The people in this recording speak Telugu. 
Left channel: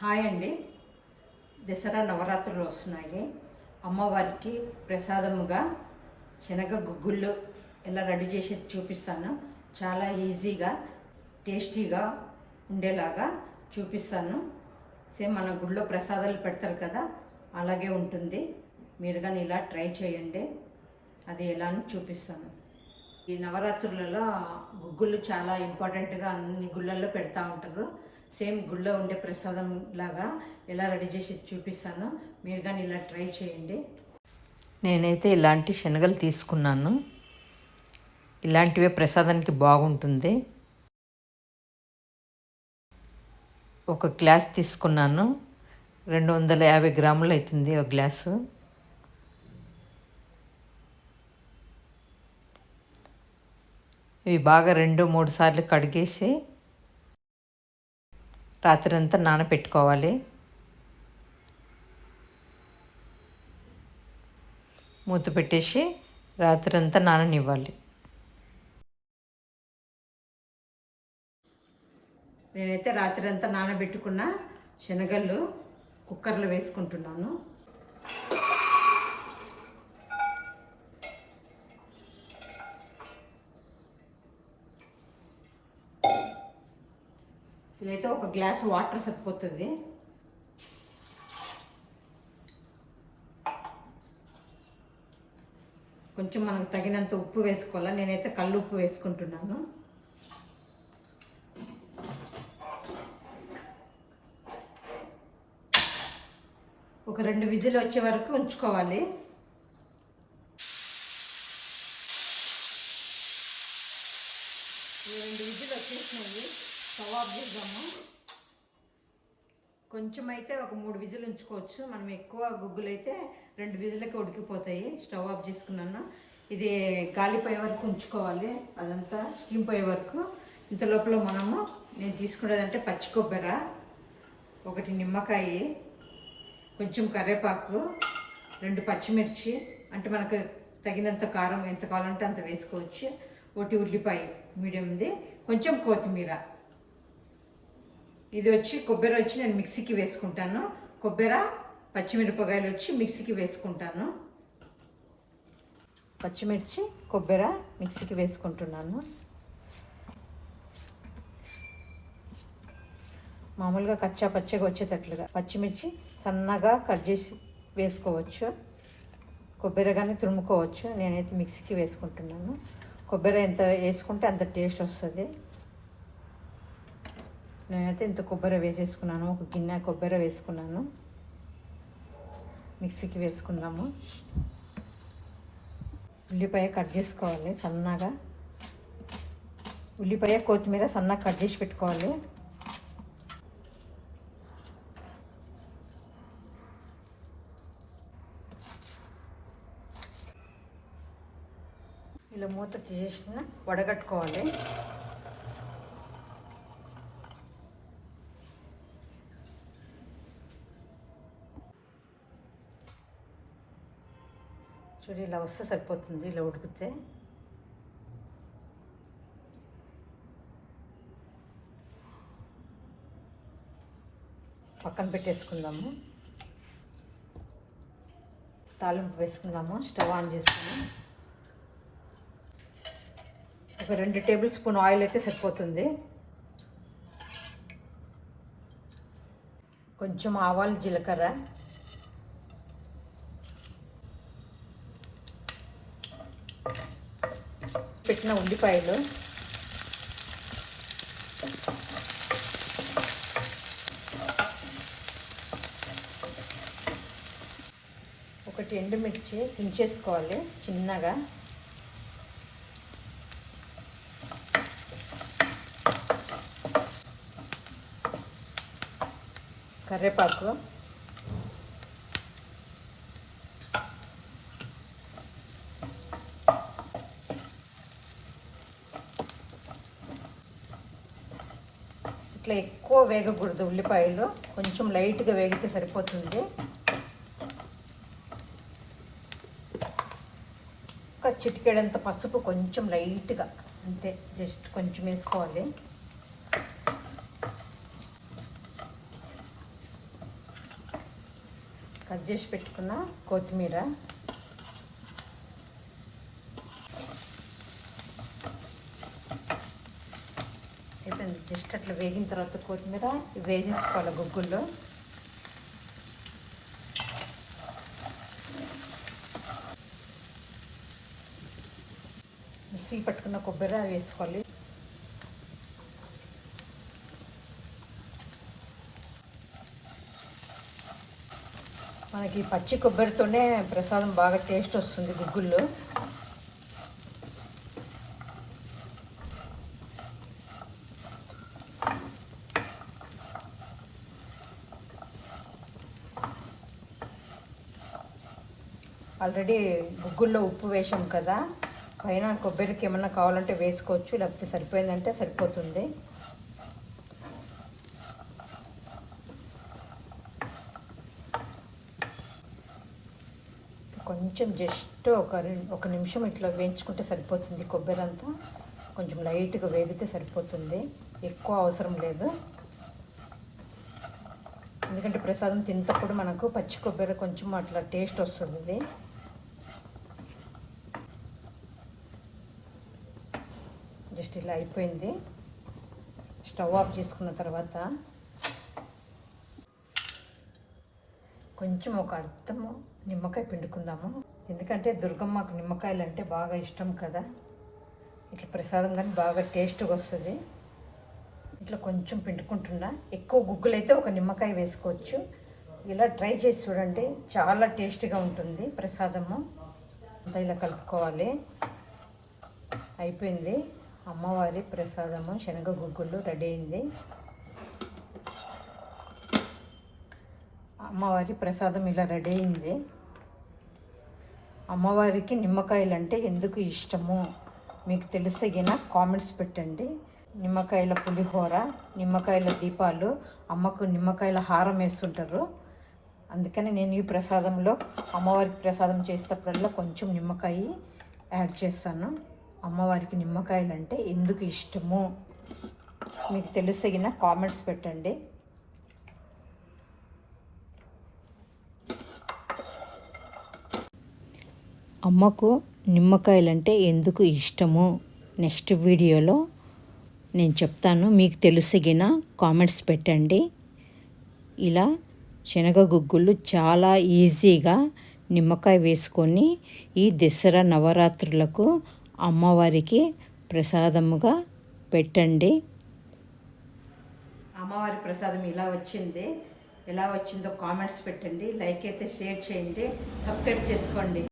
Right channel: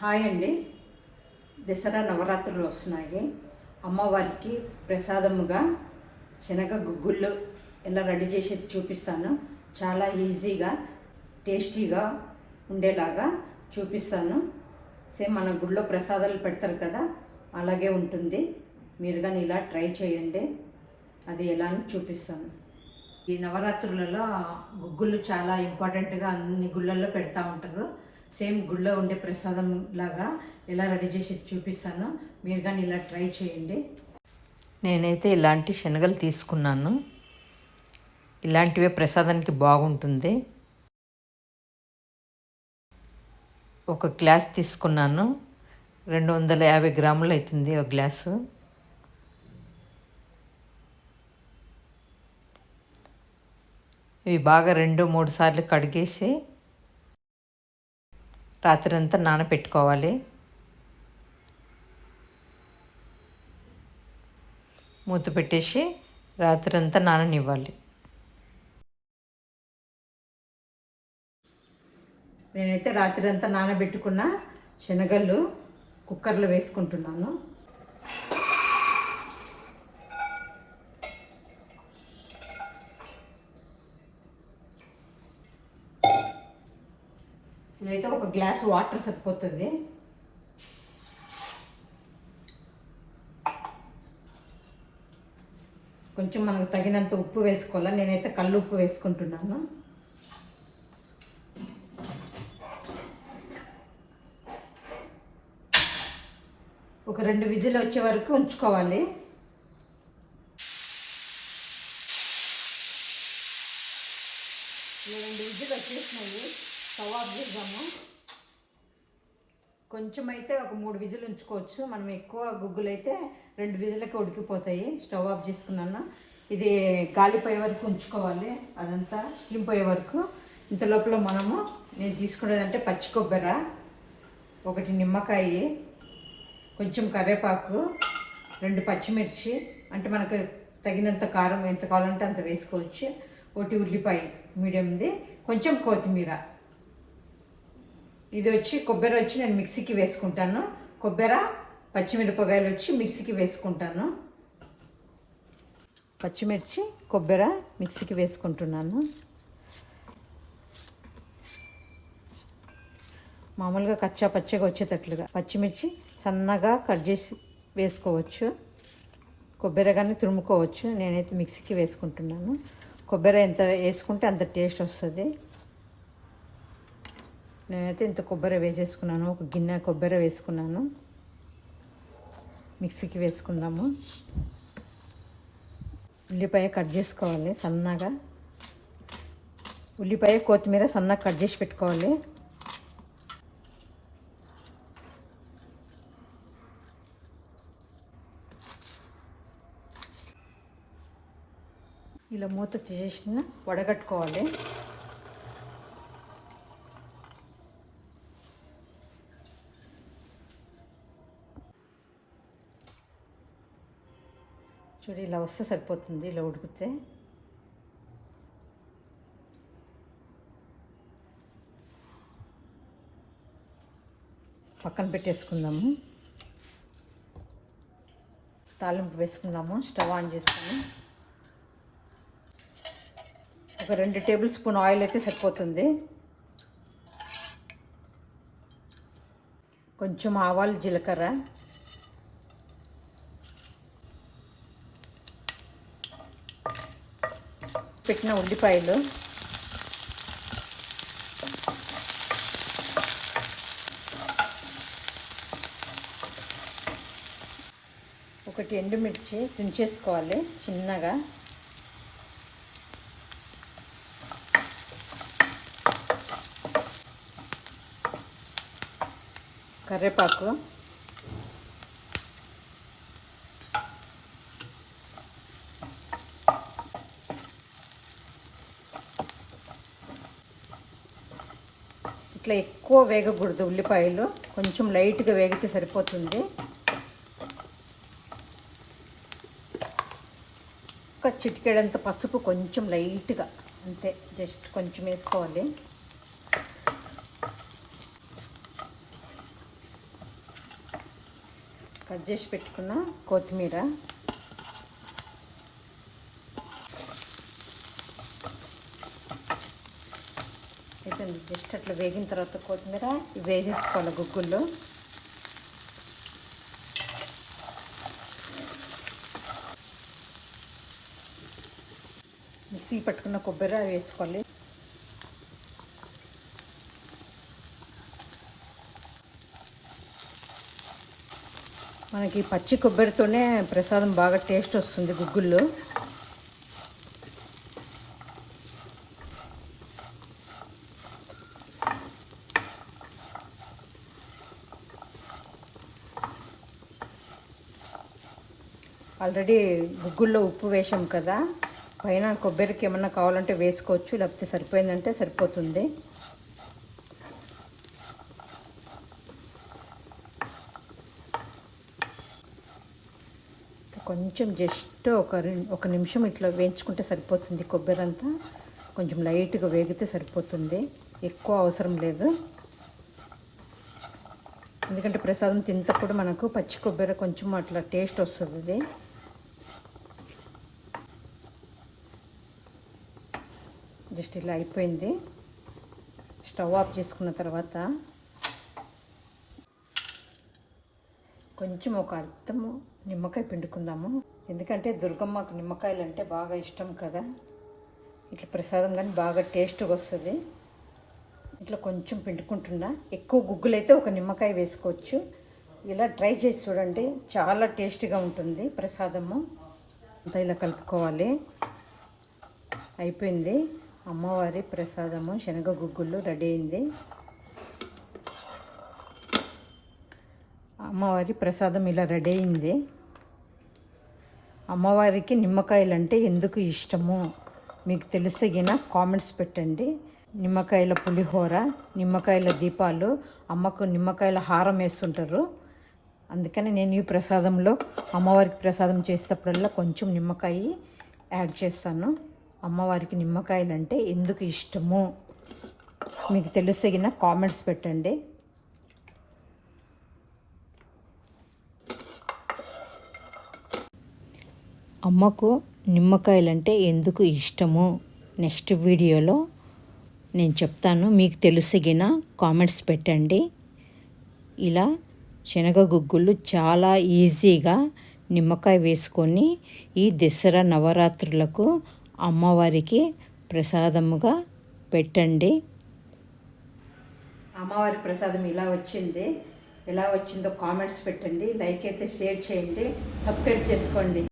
హాయ్ అండి. దసరా నవరాత్రులు వస్తున్నాయి. అమ్మవారికి ప్రసాదముగా శనగ గుగ్గుళ్ళు ఎలా రెడీ చేసి చూపిస్తాను. చాలా ఈజీగా టేస్టీగా ఉండేలాగా చూపిస్తాను. సేమ్ మన గుడిలో ప్రసాదాలు పెడతారు కదా, అలాగే ఉంటుంది. మీరు కానీ ఇలా ట్రై చేయండి. అది ఎలా అని చూపిస్తాను. ఈ నవరాత్రులలో గుగ్గుళ్ళు చాలా ఇంపార్టెంట్గా అన్ని గుళ్ళల్లో పెడతా ఉంటారు. సేమ్ గుళ్ళో ఉండే ప్రసాదం లాగా ఎలా రెడీ చేసి చూపిస్తాను. మీరు కానీ ఇలా ట్రై చేయండి. నేనైతే ఇలాంటి శనగలు తీసుకున్నాను. ఇలాంటివే ప్రసాదానికి బాగుంటుంది. ఒక గ్లాస్ తీసుకున్నాను. 250 గ్రాములు అవుతుంది ఒక గ్లాసు. ఇవి బాగా 2-3 సార్లు కడిగేసి రాత్రంతా నానబెట్టుకోవాలి. మూత పెట్టేసి రాత్రంతా నాననివ్వాలి. నేనైతే రాత్రి అంతా నానబెట్టుకున్న శనగలు కుక్కర్లో వేసుకుంటున్నాను. ఇదైతే ఒక గ్లాస్ వాటర్ సరిపోతుంది. కొంచెం మనకు తగినంత ఉప్పు వేసుకోవాలి. నేనైతే కల్లు ఉప్పు వేసుకుంటున్నాను. ఒక 2 విజిల్ వచ్చే వరకు ఉంచుకోవాలి. ఇలా 2 విజిల్ వచ్చేసినాయి. స్టవ్ ఆఫ్ చేద్దాము. కొంచెం అయితే ఒక 3 విజిల్ ఉంచుకోవచ్చు. మనం ఎక్కువ గుగ్గులు అయితే 2 విజిలకి ఉడికిపోతాయి. స్టవ్ ఆఫ్ చేసుకున్నాను. ఇది గాలిపోయే వరకు ఉంచుకోవాలి. అదంతా స్టీమ్ పోయే వరకు. ఇంత లోపల నేను తీసుకునేదంటే పచ్చి కొబ్బరి, 1 నిమ్మకాయ, కొంచెం కరివేపాకు, 2 పచ్చిమిర్చి, అంటే మనకు తగినంత కారం ఎంత కావాలంటే అంత వేసుకోవచ్చు. 1 ఉల్లిపాయ మీడియంది, కొంచెం కొత్తిమీర. ఇది కొబ్బరి నేను మిక్సీకి వేసుకుంటాను. కొబ్బరి, పచ్చిమిరపకాయలు మిక్సీకి వేసుకుంటాను. పచ్చిమిర్చి, కొబ్బరి మిక్సీకి వేసుకుంటున్నాను. మామూలుగా కచ్చా పచ్చగా వచ్చేటట్లుగా పచ్చిమిర్చి సన్నగా కట్ చేసి వేసుకోవచ్చు. కొబ్బరి కానీ తురుముకోవచ్చు. నేనైతే మిక్సీకి వేసుకుంటున్నాను. కొబ్బరి ఎంత వేసుకుంటే అంత టేస్ట్ వస్తుంది. నేనైతే ఇంత కొబ్బరి వేసేసుకున్నాను. ఒక గిన్నె కొబ్బరి వేసుకున్నాను. మిక్సీకి వేసుకుందాము. ఉల్లిపాయ కట్ చేసుకోవాలి సన్నగా. ఉల్లిపాయ, కొత్తిమీర సన్నగా కట్ చేసి పెట్టుకోవాలి. ఇలా మూత తీసేసిన వడగట్టుకోవాలి. చూడు, ఇలా వస్తే సరిపోతుంది. ఇలా ఉడికితే పక్కన పెట్టేసుకుందాము. తాలింపు వేసుకుందాము. స్టవ్ ఆన్ చేసుకుని ఒక 2 టేబుల్ స్పూన్ ఆయిల్ అయితే సరిపోతుంది. కొంచెం ఆవాలు, జీలకర్ర, పెట్టిన ఉల్లిపాయలు, ఒకటి ఎండుమిర్చి తుంచేసుకోవాలి చిన్నగా, కరివేపాకు, ఇట్లా ఎక్కువ వేగకూడదు. ఉల్లిపాయలు కొంచెం లైట్గా వేగితే సరిపోతుంది. ఒక చిటికెడంత పసుపు కొంచెం లైట్గా, అంతే, జస్ట్ కొంచెం వేసుకోవాలి. కట్ చేసి పెట్టుకున్న కొత్తిమీర, జస్ట్ అట్లా వేగిన తర్వాత కొత్తిమీర వేసేసుకోవాలి గుగ్గుల్లో. మిక్సీ పట్టుకున్న కొబ్బరి వేసుకోవాలి. మనకి పచ్చి కొబ్బరితోనే ప్రసాదం బాగా టేస్ట్ వస్తుంది గుగ్గుల్లో. ఆల్రెడీ గుగ్గుల్లో ఉప్పు వేసాం కదా, పైన కొబ్బరికి ఏమన్నా కావాలంటే వేసుకోవచ్చు, లేకపోతే సరిపోయిందంటే సరిపోతుంది. కొంచెం జస్ట్ ఒక నిమిషం ఇట్లా వేయించుకుంటే సరిపోతుంది. కొబ్బరి అంతా కొంచెం లైట్గా వేగితే సరిపోతుంది, ఎక్కువ అవసరం లేదు. ఎందుకంటే ప్రసాదం తింటప్పుడు మనకు పచ్చి కొబ్బరి కొంచెం అట్లా టేస్ట్ వస్తుంది. జస్ట్ ఇలా అయిపోయింది. స్టవ్ ఆఫ్ చేసుకున్న తర్వాత కొంచెం ఒక అర్థము నిమ్మకాయ పిండుకుందాము. ఎందుకంటే దుర్గమ్మకు నిమ్మకాయలు అంటే బాగా ఇష్టం కదా. ఇట్లా ప్రసాదం కానీ బాగా టేస్ట్గా వస్తుంది. ఇట్లా కొంచెం పిండుకుంటున్నా. ఎక్కువ గుగ్గులైతే ఒక నిమ్మకాయ వేసుకోవచ్చు. ఇలా ట్రై చేసి చూడండి, చాలా టేస్టీగా ఉంటుంది ప్రసాదము. అంతా ఇలా కలుపుకోవాలి. అయిపోయింది. అమ్మవారి ప్రసాదము శనగ గుగ్గులు రెడీ అయింది. అమ్మవారి ప్రసాదం ఇలా రెడీ అయింది. అమ్మవారికి నిమ్మకాయలు అంటే ఎందుకు ఇష్టము మీకు తెలిసిగిన కామెంట్స్ పెట్టండి. నిమ్మకాయల పులిహోర, నిమ్మకాయల దీపాలు, అమ్మకు నిమ్మకాయల హారం వేస్తుంటారు. అందుకని నేను ఈ ప్రసాదంలో అమ్మవారికి ప్రసాదం చేసేటప్పుడల్లా కొంచెం నిమ్మకాయ యాడ్ చేస్తాను. అమ్మవారికి నిమ్మకాయలు అంటే ఎందుకు ఇష్టము మీకు తెలిసిగిన కామెంట్స్ పెట్టండి. అమ్మకు నిమ్మకాయలంటే ఎందుకు ఇష్టము నెక్స్ట్ వీడియోలో నేను చెప్తాను. మీకు తెలిసిగిన కామెంట్స్ పెట్టండి. ఇలా శనగ గుగ్గులు చాలా ఈజీగా నిమ్మకాయ వేసుకొని ఈ దసరా నవరాత్రులకు అమ్మవారికి ప్రసాదముగా పెట్టండి. అమ్మవారి ప్రసాదం ఇలా వచ్చింది. ఎలా వచ్చిందో కామెంట్స్ పెట్టండి. లైక్ అయితే షేర్ చేయండి, సబ్స్క్రైబ్ చేసుకోండి.